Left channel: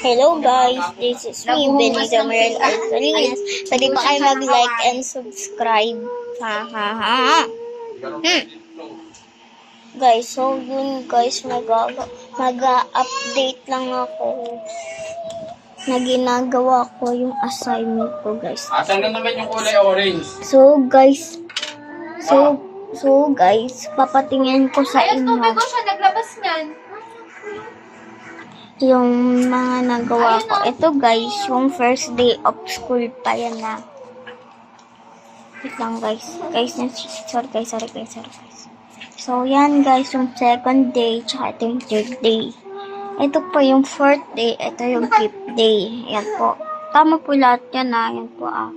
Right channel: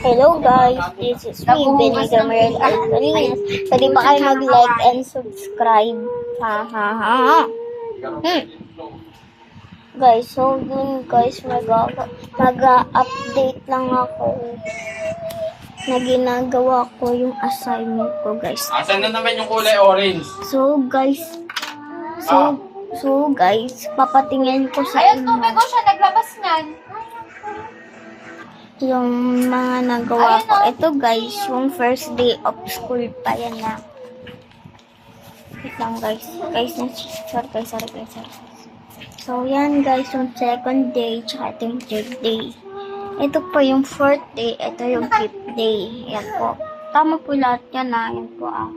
Hello guys, this is me, Benito Merel Alsalinas. Pwede ba kayo mag-like and subscribe? Ha ha ha ha. Guys, so yun guys, mag-update lang ako na ginagawa ko yung assignment ko guys. Asan na naman yung kulay orange? So guys, papatingin ko sa Ayun, inyo tubig ko siya, naglabas niyan. yung mga nagawa ko. Ito guys, yung first day of school pa yan na. Wait lang guys. Sorry guys. So yan guys, yung second day, tsaka ito yung third day. Ito po yung fourth day, ito yung fifth day. Ayan po. Tama po lahat yan ah. Ayan po ah.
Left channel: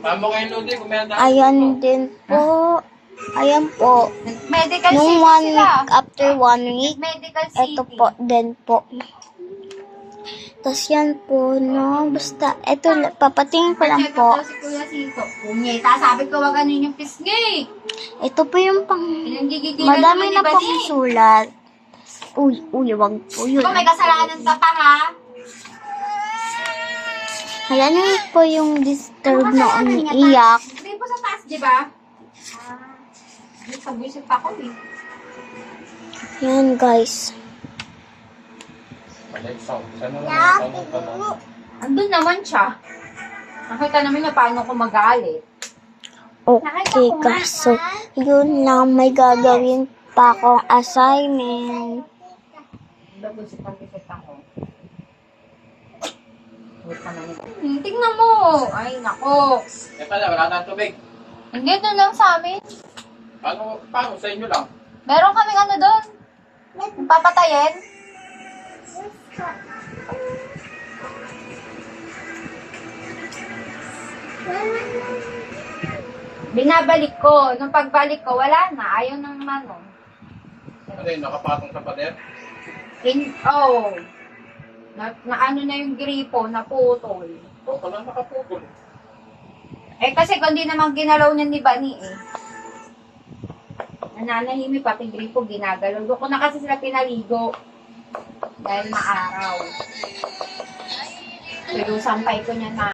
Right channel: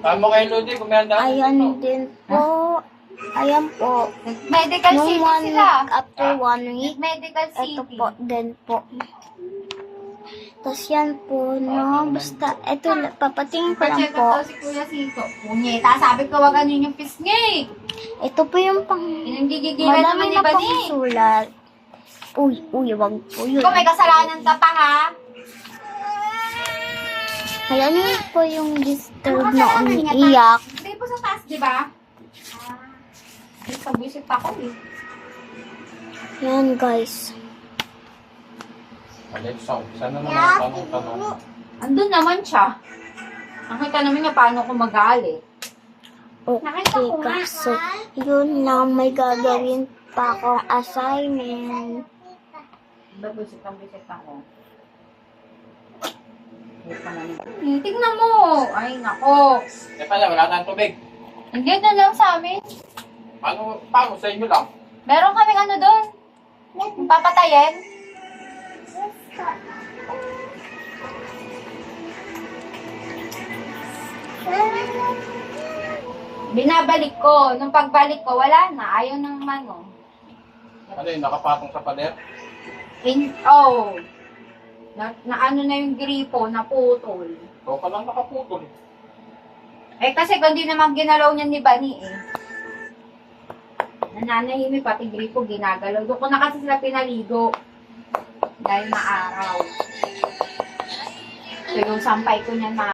Tama kayo, Lodi. Kumenda. Ayan din po. Ayan po. Medical Nung city 1 sila. week, after 1 week, Medical city. ito po, din po. Tapos yan po, no? Basta, ito, papatingin ko lang Check up po. daw si Kuya Sito. Punyeta, sabi ko wag ano yung pisngi. Ito po yung pang... Yung gigigilan Madami naman na iba pong ni. sulat. Uy, wag po yun. Ikaw may kasalanan ka pa ha. Kaya nyo po yung disturb na umiiyak. Hindi po sa taas, di ba? Sabuisit ako eh. Yan, guys. Alexa, saan naman ang tanong? Andun naman siya. Nakita naman niya paano ko magalit. Okay, guys. So, yun lang. May gagawin pa akong assignment. Babusit ako. Wait naman ito. Tingnan mo. Ay, nako. Eh pala, wala na tubig. Hindi na lang sa amin. Paano sa inyo lang? Meron kaming ano doon. Yung papatayin. Binabalik ko. Nung pagbalik ko, wala na. Ayaw ng mano. Ano yun, nakapatong sa pader? Na ano na yung gripo, naputol. Ikaw pa lang nakaputol. Eh kasi kung di naman ginalaw niya ni Bani eh. Nananahimik pati gripo ginagalaw. Doon ko na kasi sila pinaligo. Dahil maaraw. So yung sampay ko niyan